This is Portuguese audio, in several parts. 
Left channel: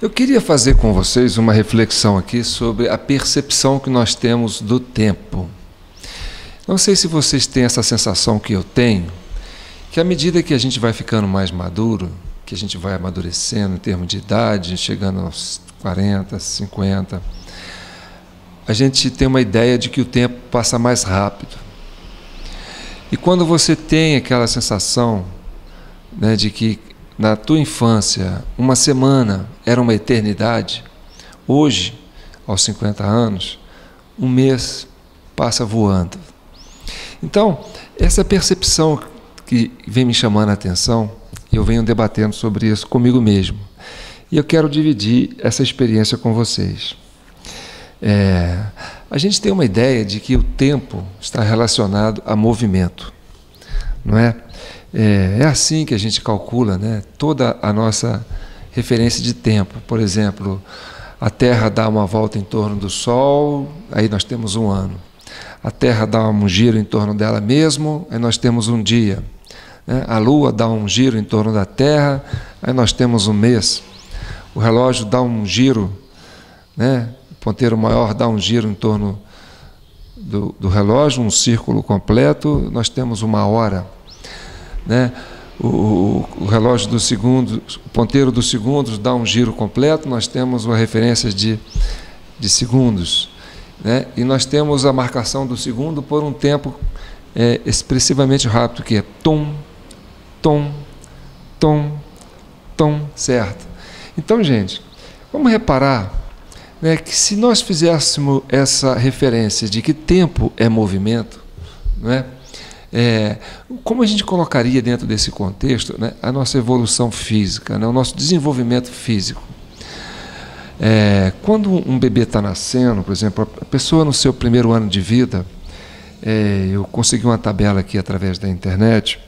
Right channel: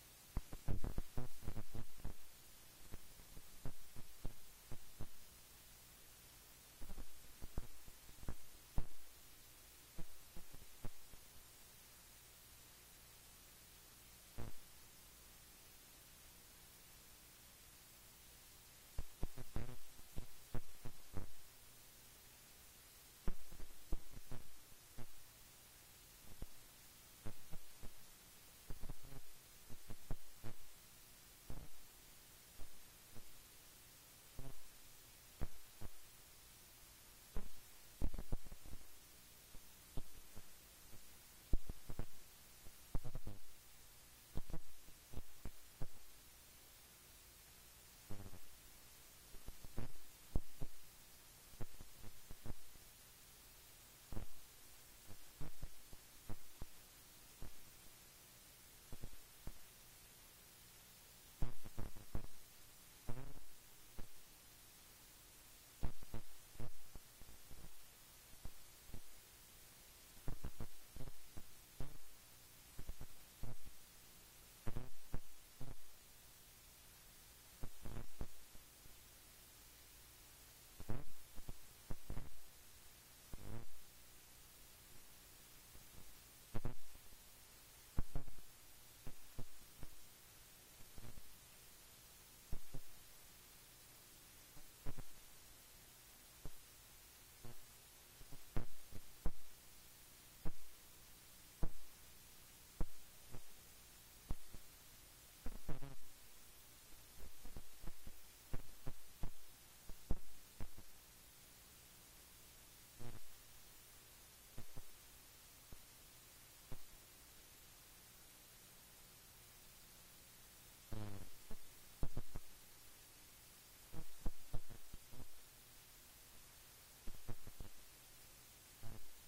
Eu queria fazer com vocês uma reflexão aqui sobre a percepção que nós temos do tempo. Não sei se vocês têm essa sensação que eu tenho, que à medida que a gente vai ficando mais maduro, que a gente vai amadurecendo em termos de idade, chegando aos 40, 50, a gente tem uma ideia de que o tempo passa mais rápido. E quando você tem aquela sensação, né, de que na tua infância uma semana era uma eternidade, hoje, aos 50 anos, um mês passa voando. Então, essa percepção que vem me chamando a atenção, eu venho debatendo sobre isso comigo mesmo. E eu quero dividir essa experiência com vocês. A gente tem uma ideia de que o tempo está relacionado a movimento, não é? É assim que a gente calcula, né, toda a nossa referência de tempo. Por exemplo, a Terra dá uma volta em torno do Sol, aí nós temos um ano. A Terra dá um giro em torno dela mesmo, aí nós temos um dia. A Lua dá um giro em torno da Terra, aí nós temos um mês. O relógio dá um giro, né? O ponteiro maior dá um giro em torno do relógio, um círculo completo, nós temos uma hora. Né? O relógio dos segundos, o ponteiro dos segundos dá um giro completo, nós temos uma referência de segundos. Né? E nós temos a marcação do segundo por um tempo expressivamente rápido, que é tom, tom, tom, tom, certo? Então, gente, vamos reparar, né, que se nós fizéssemos essa referência de que tempo é movimento, não é? Como a gente colocaria dentro desse contexto, né, a nossa evolução física, né, o nosso desenvolvimento físico? Quando um bebê está nascendo, por exemplo, a pessoa no seu primeiro ano de vida, eu consegui uma tabela aqui através da internet,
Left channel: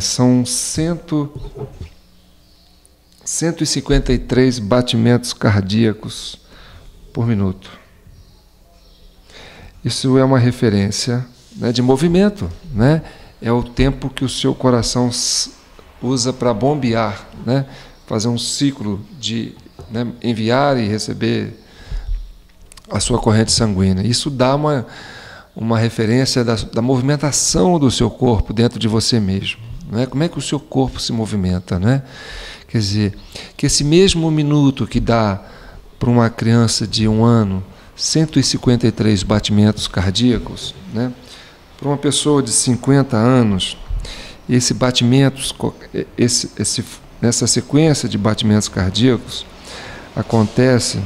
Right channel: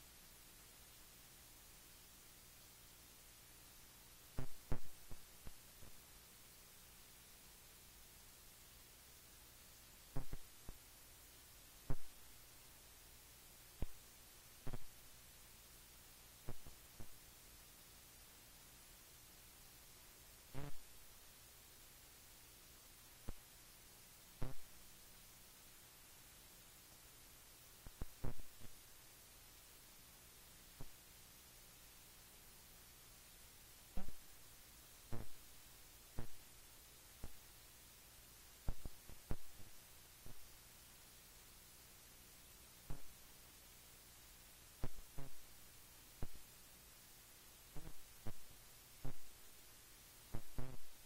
são 153 batimentos cardíacos por minuto. Isso é uma referência, né, de movimento, né? É o tempo que o seu coração usa para bombear, né? Fazer um ciclo de, né, enviar e receber a sua corrente sanguínea. Isso dá uma referência da movimentação do seu corpo dentro de você mesmo, né? Como é que o seu corpo se movimenta, né? Quer dizer, que esse mesmo minuto que dá para uma criança de 1 ano 153 batimentos cardíacos, né? Para uma pessoa de 50 anos, esse batimentos, nessa sequência de batimentos cardíacos, acontece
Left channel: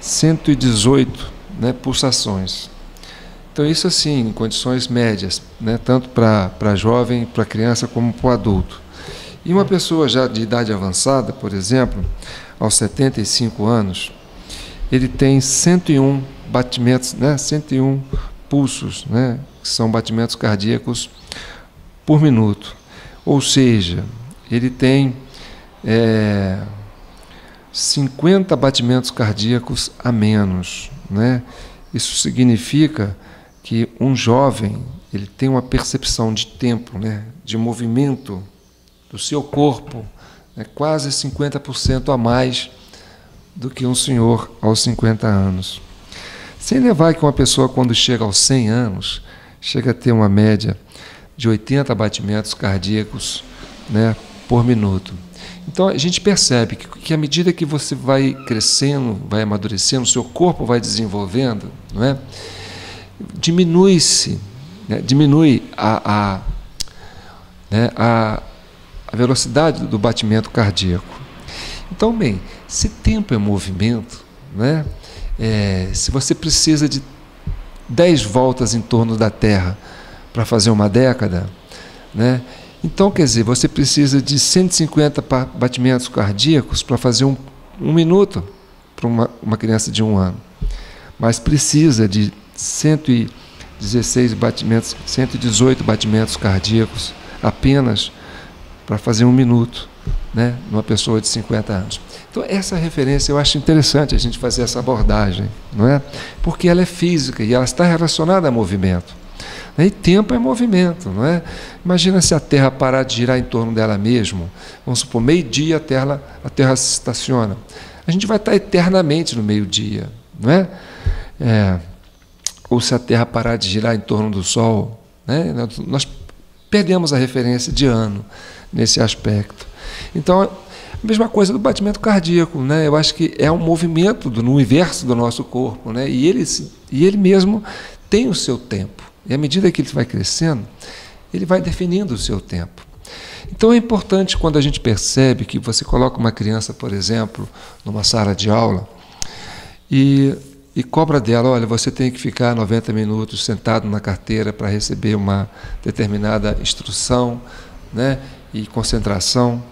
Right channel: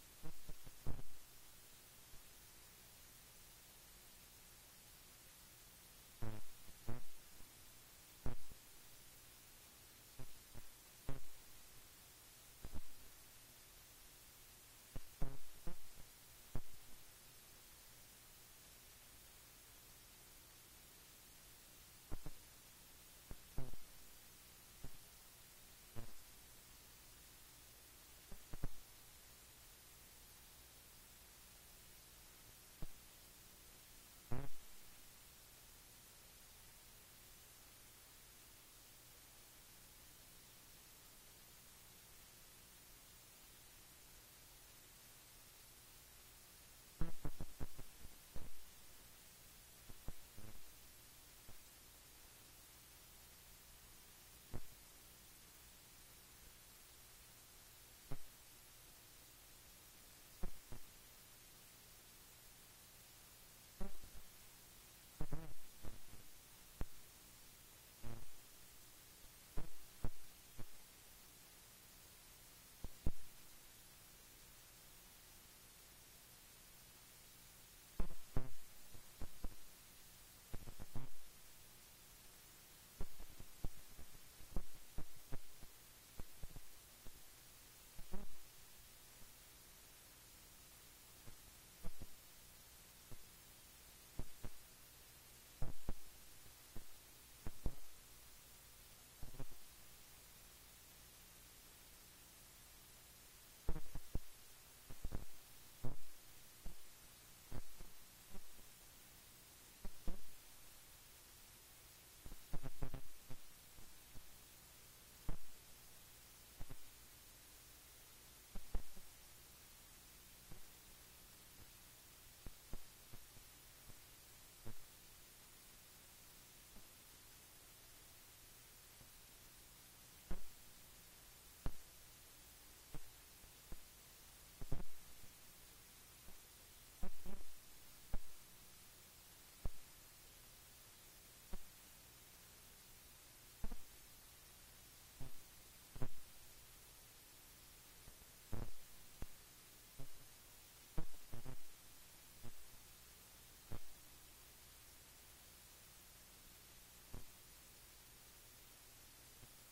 118, né, pulsações. Então, isso assim, em condições médias, né, tanto para jovem, para criança, como para o adulto. E uma pessoa já de idade avançada, por exemplo, aos 75 anos, ele tem 101 batimentos, né, 101 pulsos, né, que são batimentos cardíacos por minuto. Ou seja, ele tem 50 batimentos cardíacos a menos, né? Isso significa que um jovem ele tem uma percepção de tempo, né, de movimento do seu corpo, né, quase 50% a mais do que um senhor aos 50 anos. Sem levar que uma pessoa, quando chega aos 100 anos, chega a ter uma média de 80 batimentos cardíacos, né, por minuto. Então, a gente percebe que à medida que você vai crescendo, vai amadurecendo, o seu corpo vai desenvolvendo, não é? Diminui-se, né, diminui a velocidade do batimento cardíaco. Então, bem, se tempo é movimento, né, se você precisa de 10 voltas em torno da Terra para fazer uma década, né, então, quer dizer, você precisa de 150 batimentos cardíacos para fazer um minuto para uma criança de 1 ano. Mas precisa de 116 batimentos, 118 batimentos cardíacos apenas para fazer 1 minuto, né, numa pessoa de 50 anos. Então, essa referência eu acho interessante a gente fazer essa abordagem, não é? Porque ela é física e ela está relacionada a movimento. né? E tempo é movimento, não é? Imagina se a Terra parar de girar em torno dela mesma. Vamos supor, meio-dia a Terra se estaciona. A gente vai estar eternamente no meio-dia, não é? Ou se a Terra parar de girar em torno do Sol, né? Nós perdemos a referência de ano nesse aspecto. Então, a mesma coisa do batimento cardíaco, né? Eu acho que é um movimento no universo do nosso corpo, né? E ele mesmo tem o seu tempo. E à medida que ele vai crescendo, ele vai definindo o seu tempo. Então é importante quando a gente percebe que você coloca uma criança, por exemplo, numa sala de aula e cobra dela, olha, você tem que ficar 90 minutos sentado na carteira para receber uma determinada instrução, né, e concentração.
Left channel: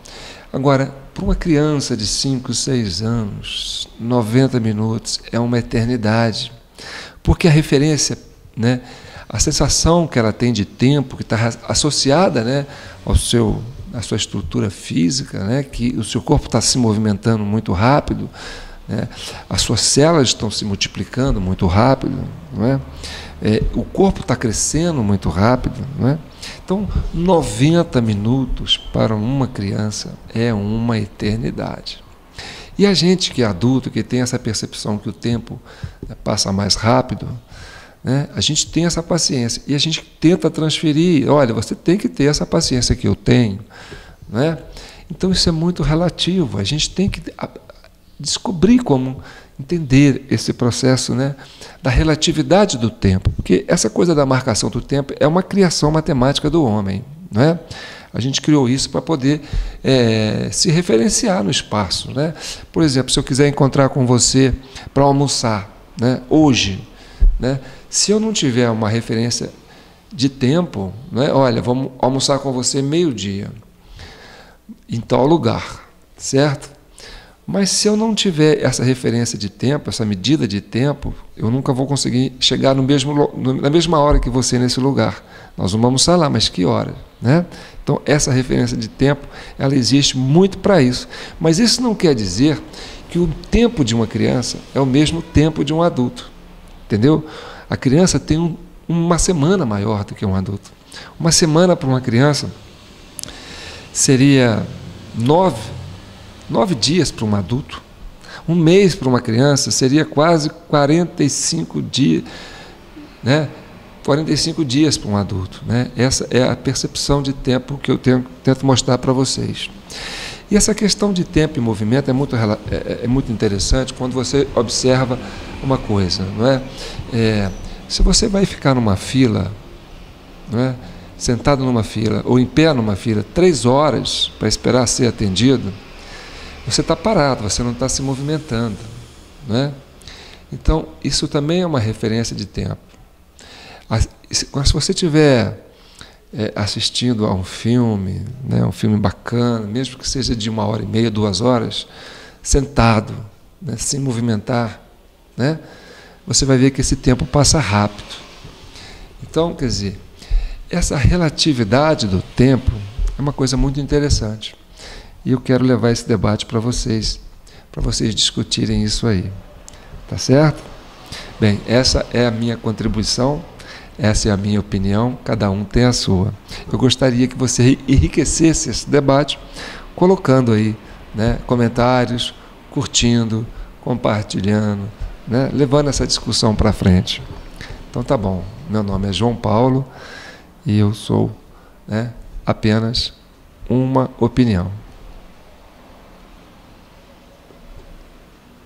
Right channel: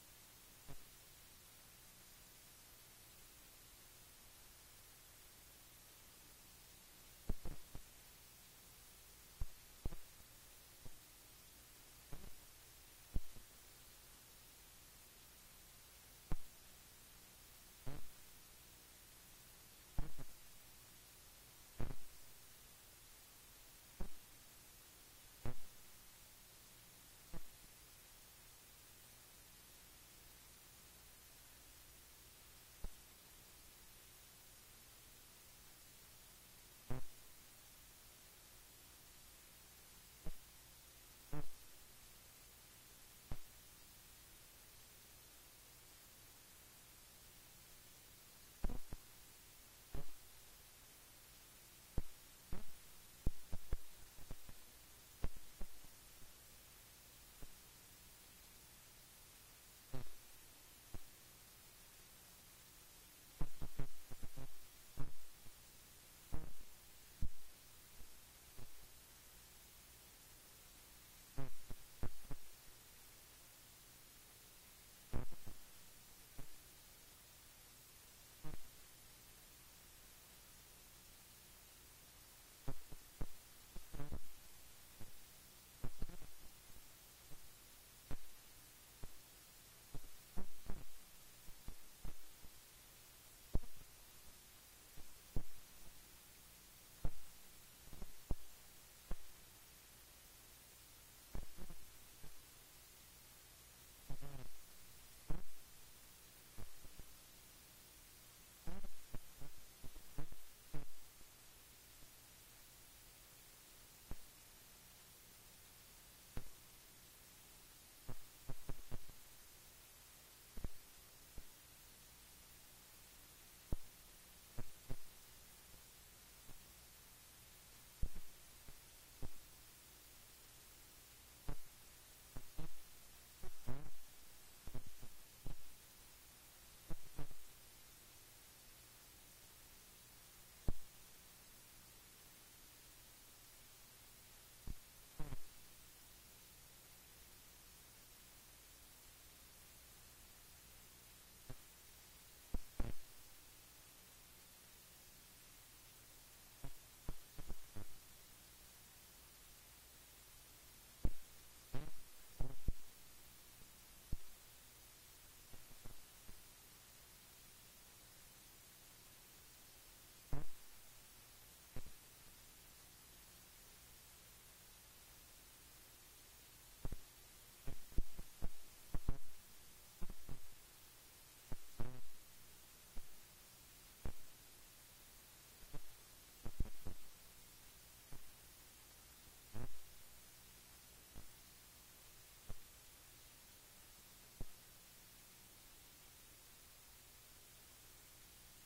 Agora, para uma criança de 5, 6 anos, 90 minutos é uma eternidade, porque a referência, né, a sensação que ela tem de tempo, que está associada, né, à sua estrutura física, né, que o seu corpo está se movimentando muito rápido, né, as suas células estão se multiplicando muito rápido, não é? O corpo está crescendo muito rápido, não é? Então, 90 minutos para uma criança é uma eternidade. E a gente que é adulto, que tem essa percepção que o tempo passa mais rápido, né, a gente tem essa paciência e a gente tenta transferir. Olha, você tem que ter essa paciência que eu tenho, né? Então, isso é muito relativo. A gente tem que descobrir como entender esse processo, né, da relatividade do tempo, porque essa coisa da marcação do tempo é uma criação matemática do homem, não é? A gente criou isso para poder se referenciar no espaço, né? Por exemplo, se eu quiser encontrar com você para almoçar, né, hoje, né, se eu não tiver uma referência de tempo, né, olha, vamos almoçar com você meio-dia em tal lugar, certo? Mas se eu não tiver essa referência de tempo, essa medida de tempo, eu nunca vou conseguir chegar na mesma hora que você nesse lugar. Nós vamos almoçar lá, mas que hora, né? Então, essa referência de tempo, ela existe muito para isso. Mas isso não quer dizer que o tempo de uma criança é o mesmo tempo de um adulto, entendeu? A criança tem uma semana maior do que um adulto. Uma semana para uma criança seria 9 dias para um adulto. Um mês para uma criança seria quase 45 dias, né? 45 dias para um adulto, né? Essa é a percepção de tempo que eu tento mostrar para vocês. E essa questão de tempo e movimento é muito interessante quando você observa uma coisa, não é? Se você vai ficar numa fila, não é? Sentado numa fila ou em pé numa fila 3 horas para esperar ser atendido, você está parado, você não está se movimentando, né? Então, isso também é uma referência de tempo. Se você estiver assistindo a um filme, né, um filme bacana, mesmo que seja de 1h30, 2 horas, sentado, né, sem movimentar, né, você vai ver que esse tempo passa rápido. Então, quer dizer, essa relatividade do tempo é uma coisa muito interessante. E eu quero levar esse debate para vocês discutirem isso aí. Tá certo? Bem, essa é a minha contribuição, essa é a minha opinião, cada um tem a sua. Eu gostaria que você enriquecesse esse debate, colocando aí, né, comentários, curtindo, compartilhando, né, levando essa discussão para frente. Então tá bom, meu nome é João Paulo e eu sou, né, apenas uma opinião.